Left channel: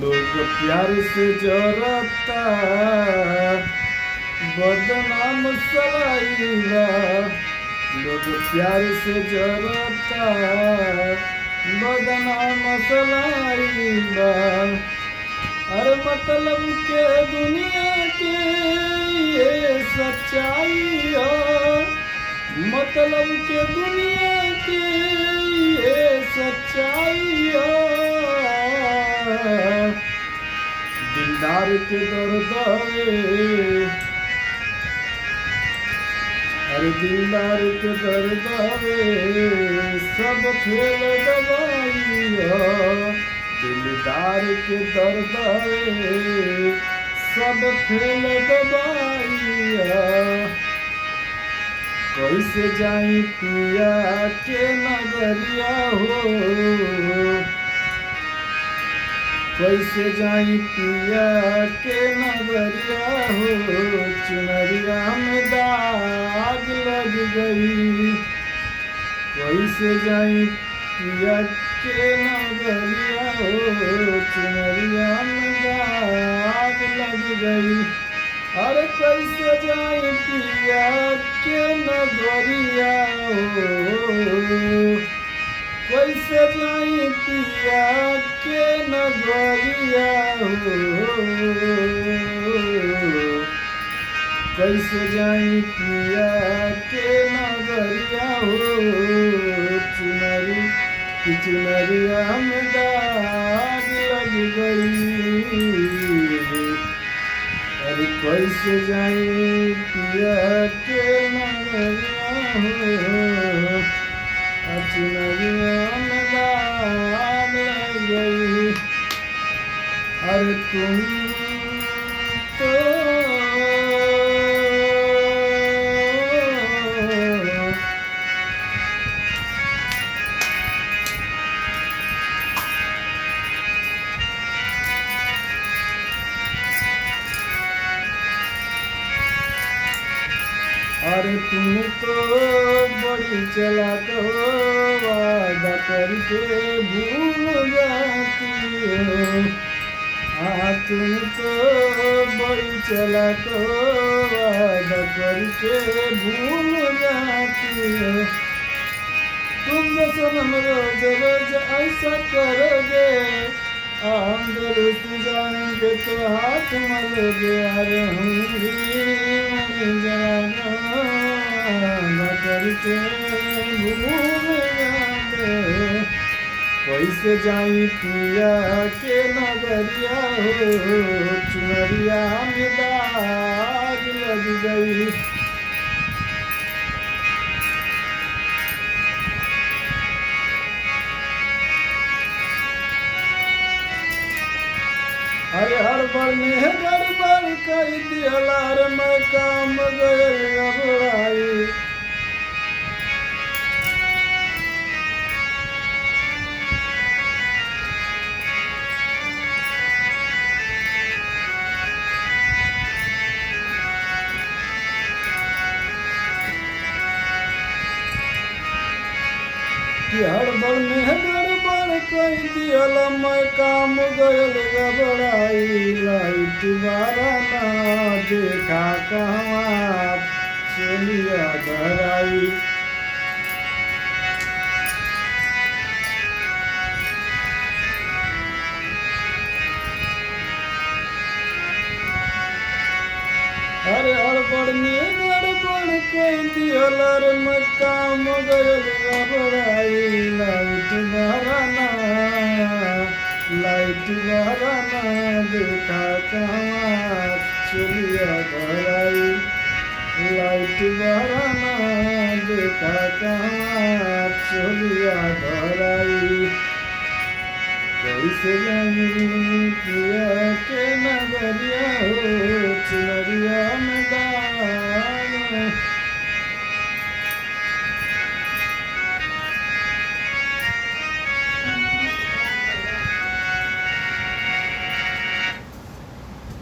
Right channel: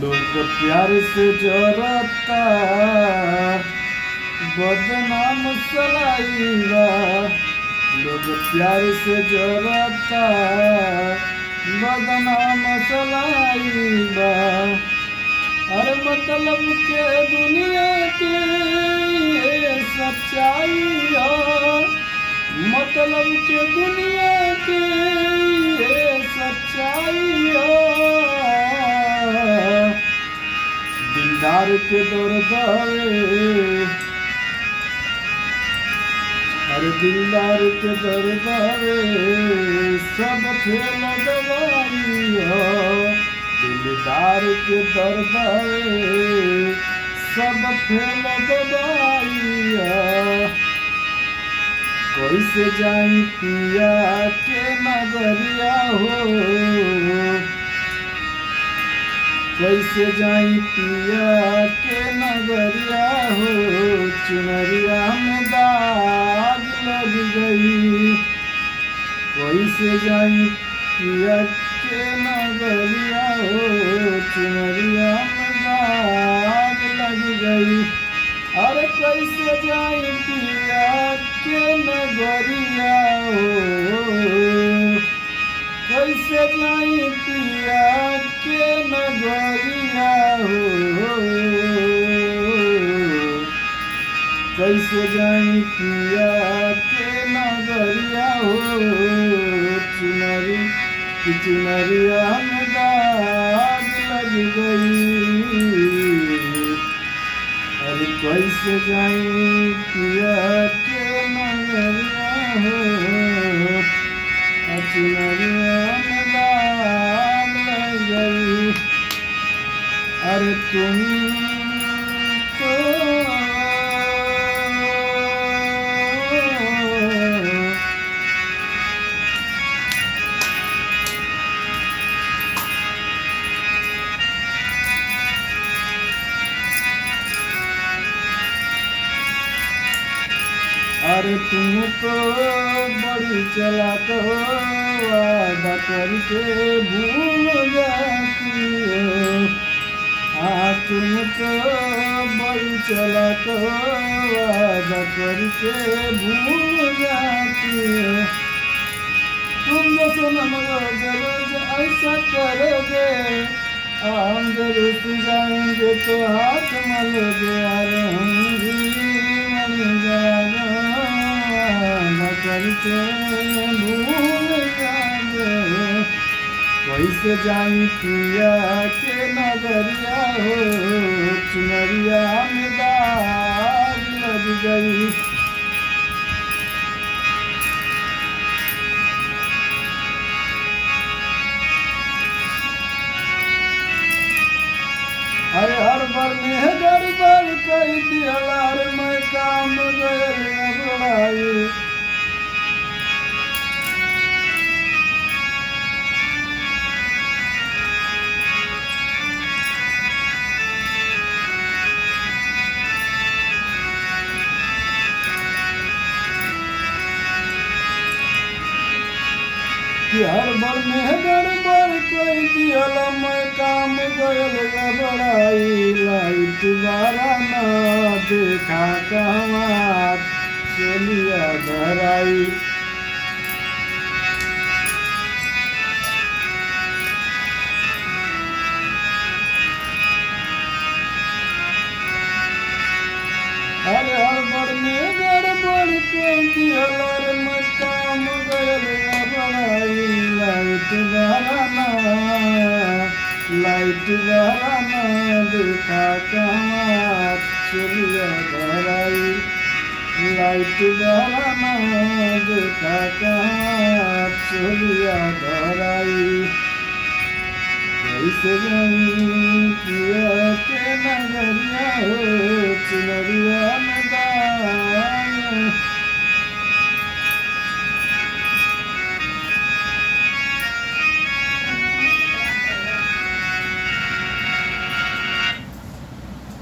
लोग प्यार से जरता बदनाम सलाइबा। लोग प्यार से जरता बदनाम सलाइबा। अरे मतलब के दुनिया की ये सच्चाई है। मतलब के दुनिया की ये सच्चाई है। दिलदार के दर्द है। अरे दिलदार के दर्द है सब फेल दवाई हो। दिलदार के दर्द है सब फेल दवाई हो। कैसे जाई पिया के नगरिया हो। कैसे जाई पिया के नगरिया हो। चुनरिया में दाग लग गई। कैसे जाई पिया के नगरिया हो। चुनरिया में दाग लग गई। अरे कैसे जाई पिया के नगरिया हो। कैसे जाई पिया के नगरिया हो। कैसे जाई पिया के नगरिया हो। चुनरिया में दाग लग गई। अरे कैसे जाई पिया के नगरिया हो। चुनरिया में दाग लग गई। अरे तुम तो अरे तुम तो बड़ी चालाक हो। वादा करके भूल जाती हो। हाँ तुम तो बड़ी चालाक हो। वादा करके भूल जाती हो। तुम जो सनम रोज रोज ऐसा करोगे हम दुरुस्त जाएंगे तो हाथ मलोगे। अरे हम भी मर जाना करके भूल जाओगे। कैसे जाई पिया के नगरिया हो। चुनरिया में दाग लग गई। अरे हर बार में गड़बड़ कर दिया। रे मैं काम गयल घबराई। हर बार में गड़बड़ कर दिया। मैं काम गयल घबराई। लाइट वाला ना देखा कहवा चलिया धराई। अरे हड़बड़ में गड़बड़ कर दिया। रे मैं काम गयल घबराई। लाइट वाला ना देखा कहवा चलिया धराई। लाइट वाला ना देखा कहवा चलिया धराई। कैसे जाई पिया के नगरिया हो। चुनरिया